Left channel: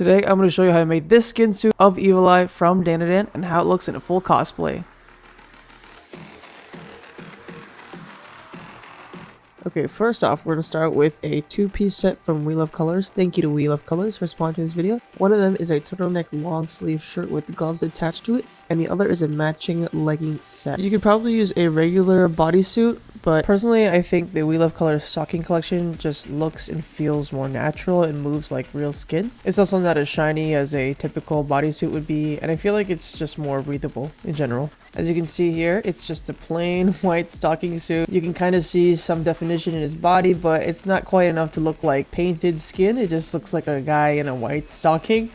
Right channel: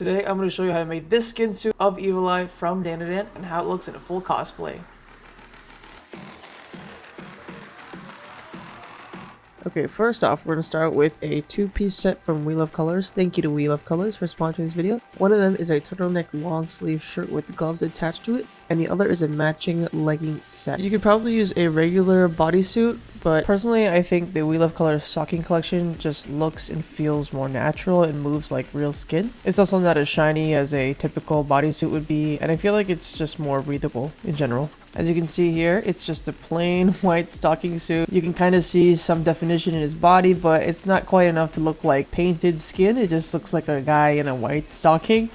Today I'm going to show you how I made this skin suit of Iwata from Dandadan and how it looks in a full cosplay. Okay, first off, we're going to start with a two-piece set from We Love Colors. Thank you to We Love Colors for sponsoring this video. One of them is a turtleneck long sleeve shirt with gloves attached to it, and the other is a matching legging set. You could probably use a regular bodysuit, but personally I think the We Love Colors stocking collection just looks and feels more natural and moves like real skin. It's also not as shiny as a typical bodysuit would be, and I feel like it's just more breathable in general. As you can see here, it's just a plain white stocking suit. You can kind of see some definition in his body, but it's not quite enough to look like painted skin. It just looks like a guy in a white stocking.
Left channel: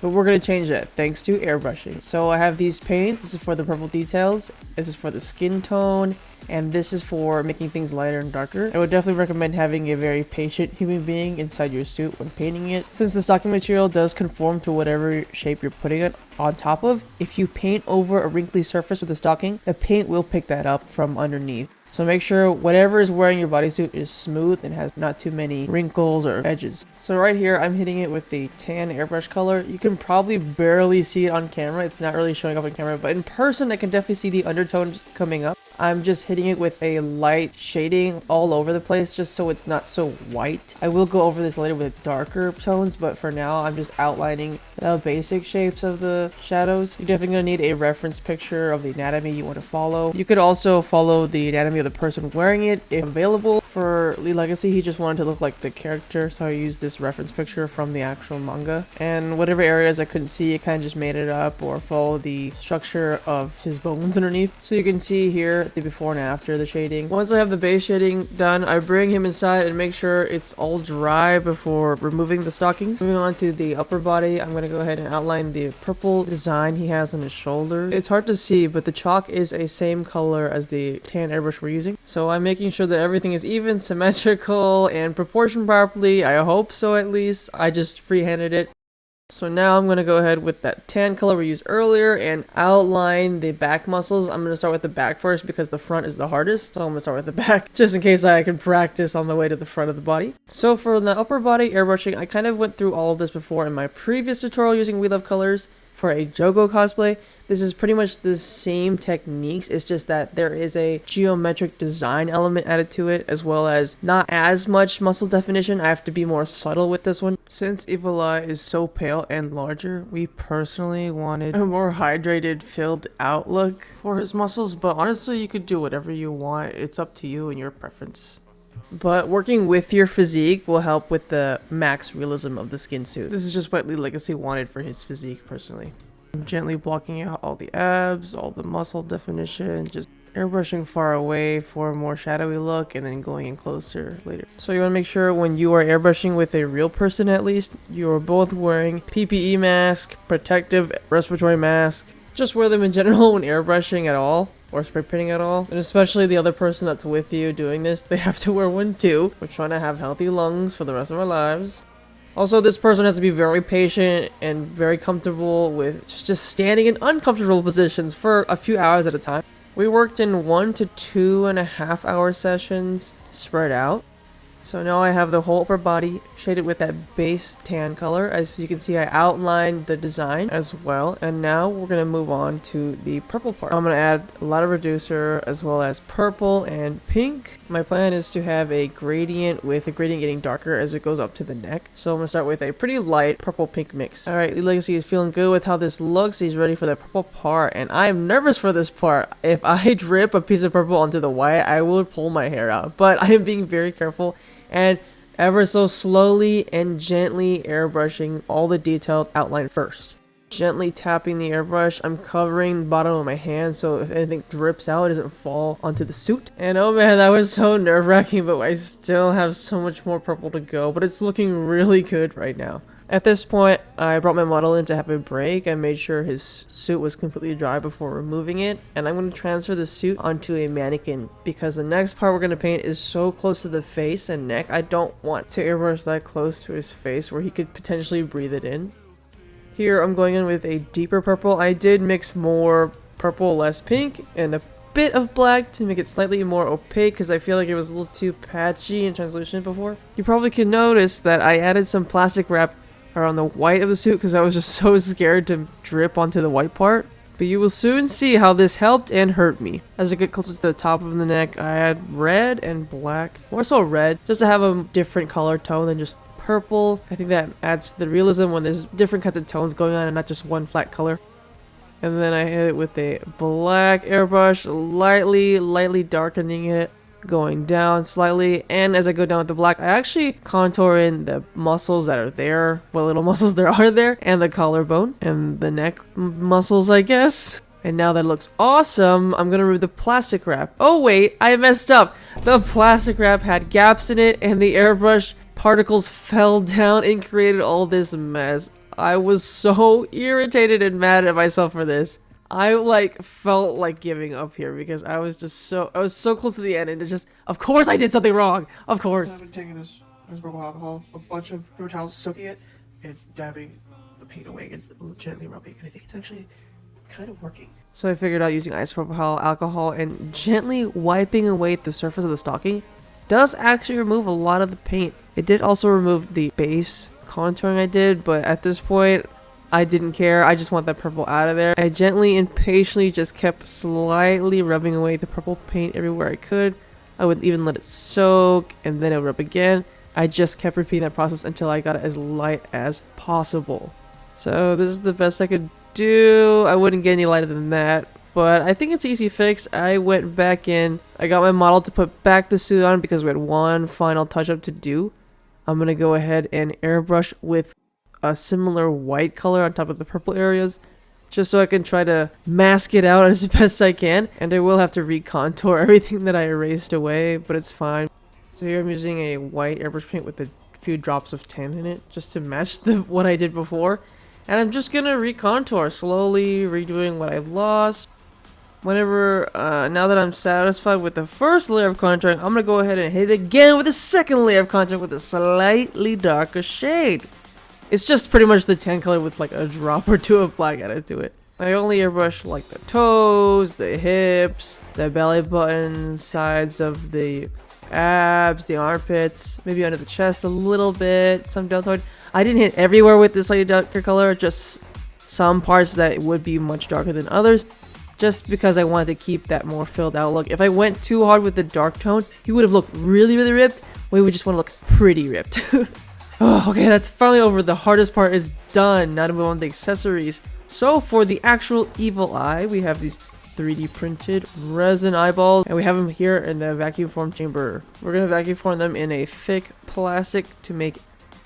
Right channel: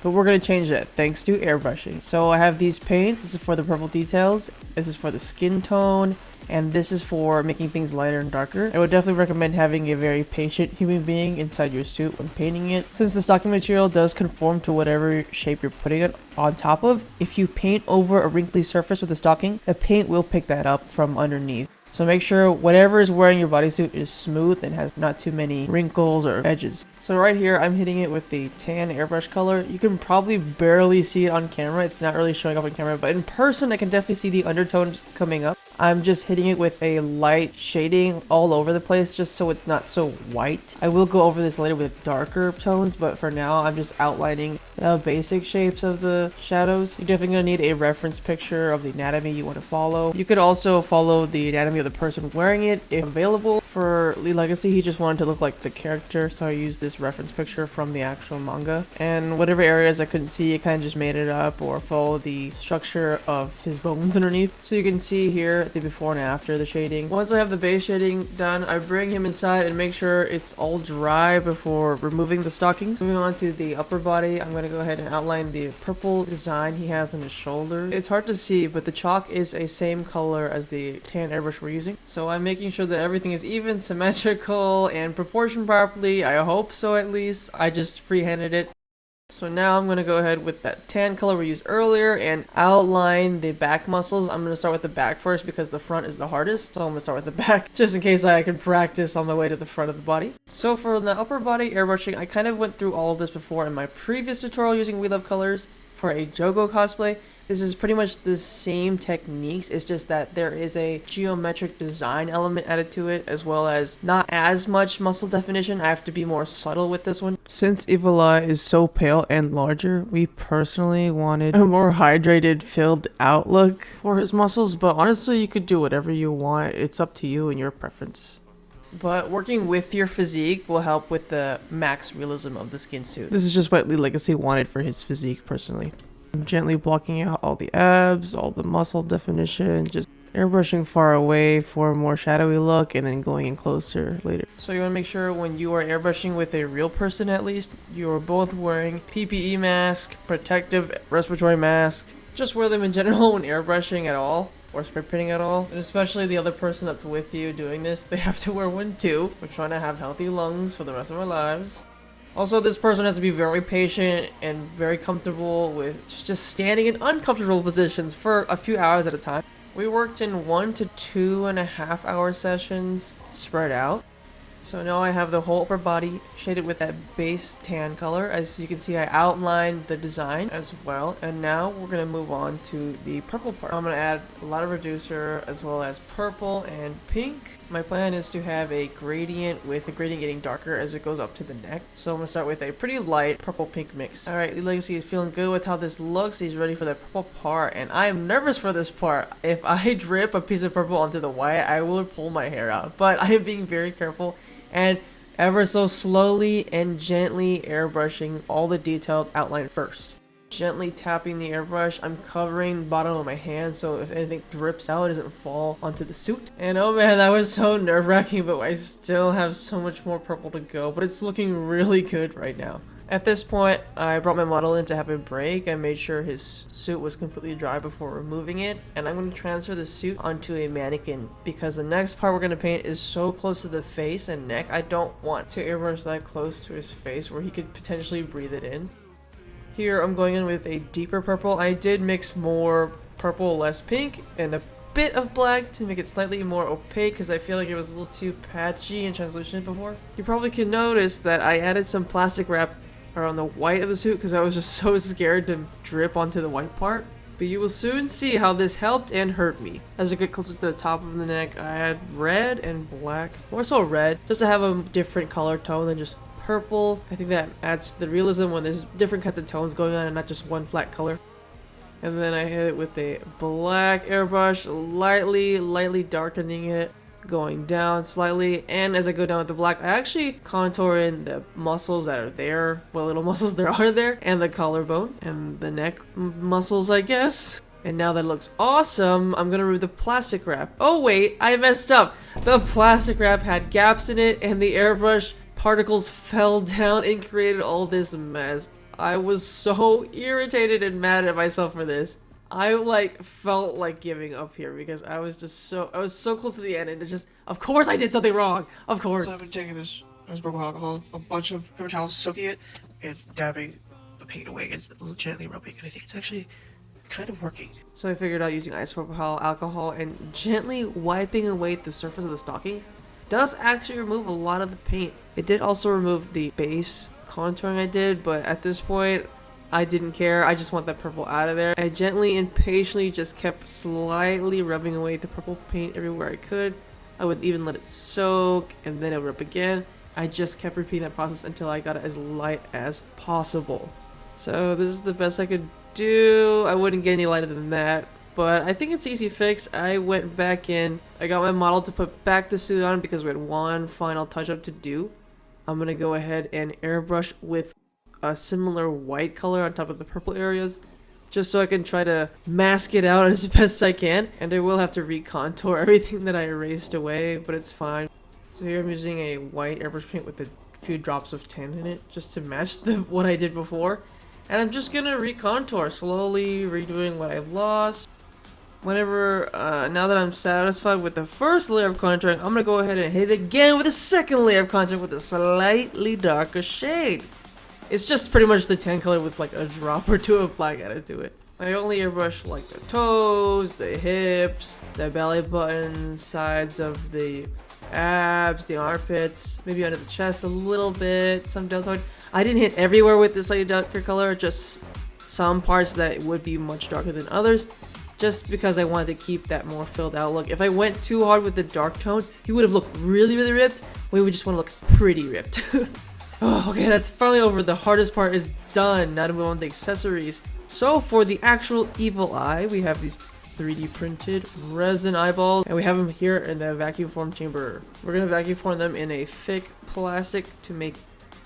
But we're going to change that thanks to airbrushing. So I have these paints. This is for the purple details. This is for the skin tone. And this is for making things lighter and darker. I would definitely recommend having a very patient human being inside your suit when painting it, since the stocking material does conform to whatever shape you're putting it on top of. If you paint over a wrinkly surface with the stocking, the paint will pick that up from underneath. So make sure whatever is wearing your bodysuit is smooth and has not too many wrinkles or edges. So right here, I'm hitting it with the tan airbrush color. You can probably barely see it on camera. It's not really showing up on camera, but in person, I can definitely see the undertones coming up. I'm just hitting it with a light shading all over the place just so it's not so white. I will go over this later with darker tones, but for now I'm just outlining the basic shapes of the shadows. You're definitely going to need a reference picture of the anatomy you want to follow. You could also follow the anatomy of the person wearing it if available. For Lee Legacy, he just wanted to look like the character, so I used this reference picture from the actual manga. And whatever areas I couldn't see, I kind of just made it up or follow the structure of his bones underneath. So you can see here the before and after the shading. Once I have the base shading done, I bring him inside and make sure it's all dry before removing the stockings. Moving on to the upper body, I'm going to go ahead and outline the purple design he has on his shoulder. It's hard to see, but the chalk is a same color as the tan airbrush we're using. So I'm making sure that everything is even, symmetrical, and proportioned properly. I hope so, at least. I just freehanded it. So now I'm going to go ahead with that tan color we used earlier and outline the back muscles. I'm going to start with the back first because the front is the hardest. So I'm going to start with the back just in case I can practice on the way to the front of the body. So for the upper body airbrushing, I kind of went through all of this before in my previous tutorial using We Love Colors for a JoGo cosplay. This is pretty much the same techniques, it's just that there is a geometric design element added to it, as well as not as much muscle definition. I have to be more subtle with this one. Since Iwata is so pale and larger, we personally wanted a more hydrated, filled out look for his muscles, but honestly, you could do whatever you want. It's up to you and your preference. But working with your physique will help with the max realism of the skin suit. This is just what Lee Legacy wanted for his physique personally. I'm gently blocking out all the abs, all the muscle definition, just airbrushing far away for a more shadowy look and then going in closer later. So you want to make sure when you are airbrushing with a real person at least, you're both wearing PPE mask, protective respiratory mask. Just wear them in general when airbrushing at all or spray painting at all. And especially the other person that's with you doing this, they have to wear one too. We're trying to have healthy lungs for the rest of our lives. Also, this person has to be very patient and very comfortable with just standing in uncomfortable positions for a few hours at a time. We worked in 1 to 2.5 hour sessions spread out. So now I have the whole upper body shaded with that base tan color. As you can see, I outlined the design as well. And now we're going to move on to the purple part. I'm going to add a lot of reducer as well as purple and pink. My plan is to have a gradient with the gradient getting darker as it goes up to the neck. So I'm going to start with a pretty light purple-pink mix. Alright, Lee Legacy is feeling good with how this looks. He's ready for the purple part. And I am nervous for this part. If I drip a piece of purple onto the white, I will pull my hair out. But I am being very careful and ever so slowly and gently airbrushing all the detailed outline first. Gently tapping the airbrush, I'm covering the bottom of my hand so if anything drips out, it doesn't fall onto the suit. And oh man, that was so nerve-wracking, but I still have so much more purple to go, but it's looking really good right now. At this point, I brought my model in to have a break. I made sure his suit was completely dry before removing it. And I'm going to transfer the suit onto a mannequin because the next part we're going to paint is so close to the face and neck. I don't want to airbrush that close to his face where he could potentially breathe it in. Here, I'm going in with a deeper purple. I did mix more purple, less pink, and a bit of black to make it slightly more opaque because I feel like it was a little too patchy and translucent before. You probably can notice that I added some plastic wrap around the white of the suit because I was just so scared to drip onto the white part. But you will soon see how this helped and hurt me. As I get closer to the top of the neck, I had red and black, more so red, just to have a different color tone than just purple. I think that adds to the realism when there's different kinds of tones going on and not just one flat color. And then I hit it with a black airbrush, lightly darkening it, going down slightly. And as I go down with the black, I actually contour in the muscles that are there, what little muscles there are there, and the collarbone and the neck muscles, I guess. And now that looks awesome, I'm gonna remove the plastic wrap. Oh wait, I messed up. The plastic wrap had gaps in it and the airbrush particles fell down and created all this mess. I was so irritated and mad at myself for this. I like felt like giving up here because I was so close to the end and it just, of course I did something wrong. Of course. So I've been taking this purple alcohol, a bunch of paper towels, soaking it, and dabbing the paint away and gently rubbing, and I think it's actually kind of working. So I figured out using isopropyl alcohol and gently wiping away the surface of the stocking does actually remove a lot of the paint. It did also remove the base contouring I did, but at this point I didn't care. I just want that purple out of there. I gently and patiently just kept slightly rubbing away the purple paint everywhere I could. I would even let it soak and then I would rub again. I just kept repeating that process until I got it as light as possible. So this is the best I could do. I wouldn't get any lighter than that, but I think it's an easy fix. I went back in. I got my model to put back the suit on because we had one final touch up to do. I'm gonna go ahead and airbrush with a similar white color on top of the purple areas, just so I can try to mask it out as best I can. And I will have to recontour everything that I erased away, but it's fine. So here I'm using a white airbrush paint with a few drops of tan in it, just to match what I did before. And I'm just gonna recontour, slowly redoing what I lost. Whenever, now that I'm satisfied with the first layer of contouring, I'm gonna go ahead and hit it again with a second layer of contouring with a slightly darker shade. It's just pretty much the tan color with like a drop or two of black added to it. I only airbrush like the toes, the hips, the belly button, sides of the abs, the armpits, maybe under the chest a little bit, some deltoid. I didn't hit everywhere with this slightly darker color, just some parts that would be much darker than others, just because I wanted to keep that more filled out look. If I went too hard with the dark tone, he would have looked really ripped. We would just want to look pretty ripped. Oh, okay, that's finally over. The hardest part is done. Now to move on to the accessories. So for the actual evil eye, we have these 3D printed resin eyeballs, and we have them here in the vacuum form chamber. We're gonna vacuum form them in a thick plastic to make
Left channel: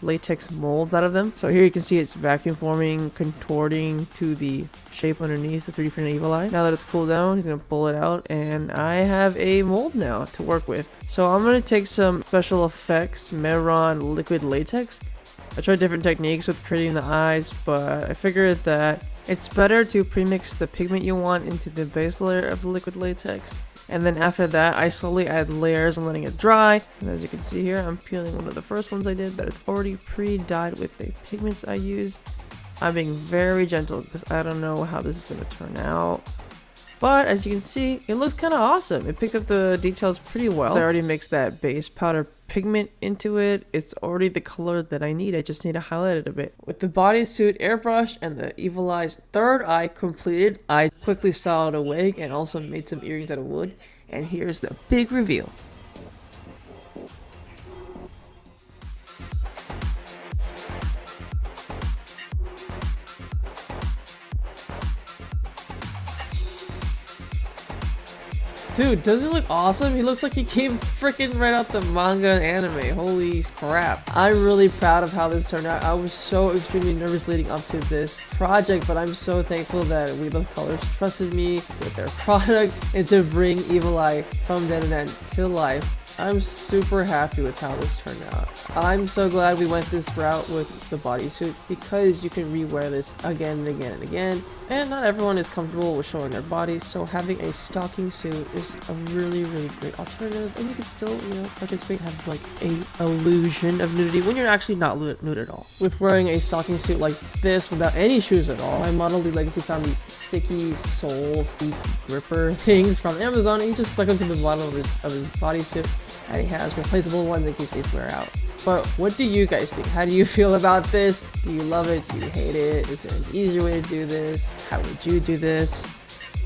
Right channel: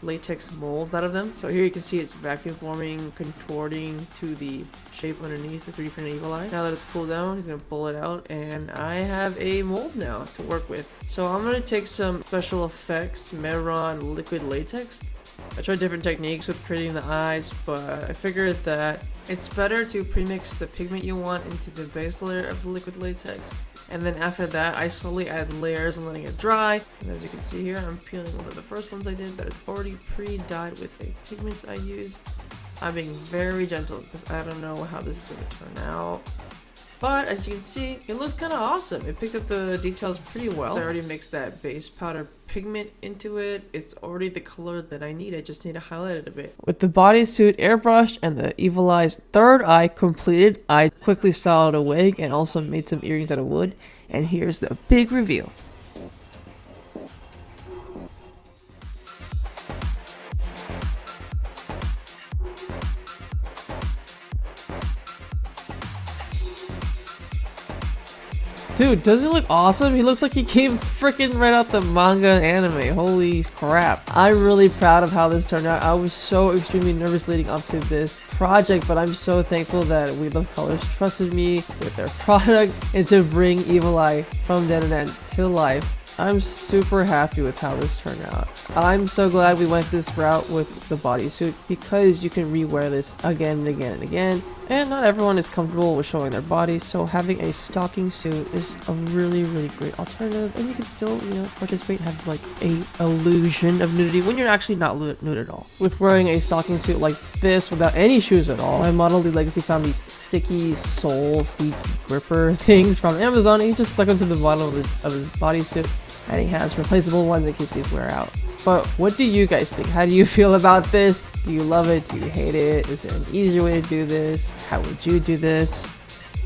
latex molds out of them. So here you can see it's vacuum forming, contorting to the shape underneath the 3D printed evil eye. Now that it's cooled down, he's gonna pull it out, and I have a mold now to work with. So I'm gonna take some special effects Meron liquid latex. I tried different techniques with printing the eyes, but I figured that it's better to premix the pigment you want into the base layer of the liquid latex. And then after that, I slowly add layers and letting it dry. And as you can see here, I'm peeling one of the first ones I did, but it's already pre-dyed with the pigments I used. I'm being very gentle because I don't know how this is going to turn out. But as you can see, it looks kind of awesome. It picked up the details pretty well. So I already mixed that base powder pigment into it. It's already the color that I need. I just need to highlight it a bit. With the bodysuit airbrushed and the evil eye's third eye completed, I quickly styled a wig and also made some earrings out of wood. And here's the big reveal. Dude, doesn't he look awesome? He looks like he came freaking right out the manga and anime. Holy crap. I'm really proud of how this turned out. I was so extremely nervous leading up to this project, but I'm so thankful that We Love Colors trusted me with their product and to bring Evil Eye from dead and end to life. I'm super happy with how this turned out. I'm so glad we went this route with the bodysuit because you can rewear this again and again and again. And not everyone is comfortable with showing their body, so having a stocking suit is a really great alternative. And you can still, participate, have like a illusion of nudity when you're actually not nude at all. With wearing a stocking suit like this without any shoes at all, my model, the Legacy, found these sticky sole feet gripper things from Amazon. He just stuck them to the bottom of his bodysuit, and he has replaceable ones in case these wear out. But what do you guys think? How do you feel about this? Do you love it? Do you hate it? Is there an easier way to do this? How would you do this?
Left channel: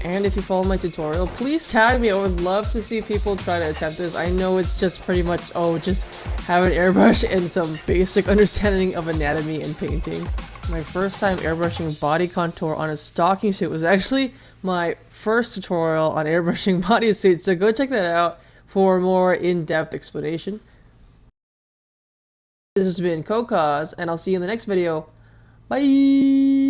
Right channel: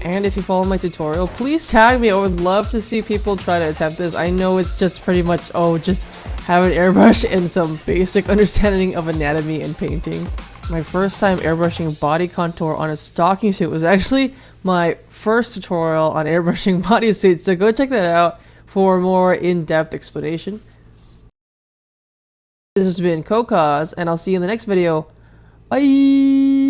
And if you follow my tutorial, please tag me. I would love to see people try to attempt this. I know it's just pretty much, oh, just have an airbrush and some basic understanding of anatomy and painting. My first time airbrushing body contour on a stocking suit was actually my first tutorial on airbrushing bodysuits, so go check that out for more in-depth explanation. This has been KOHCOZ, and I'll see you in the next video. Bye!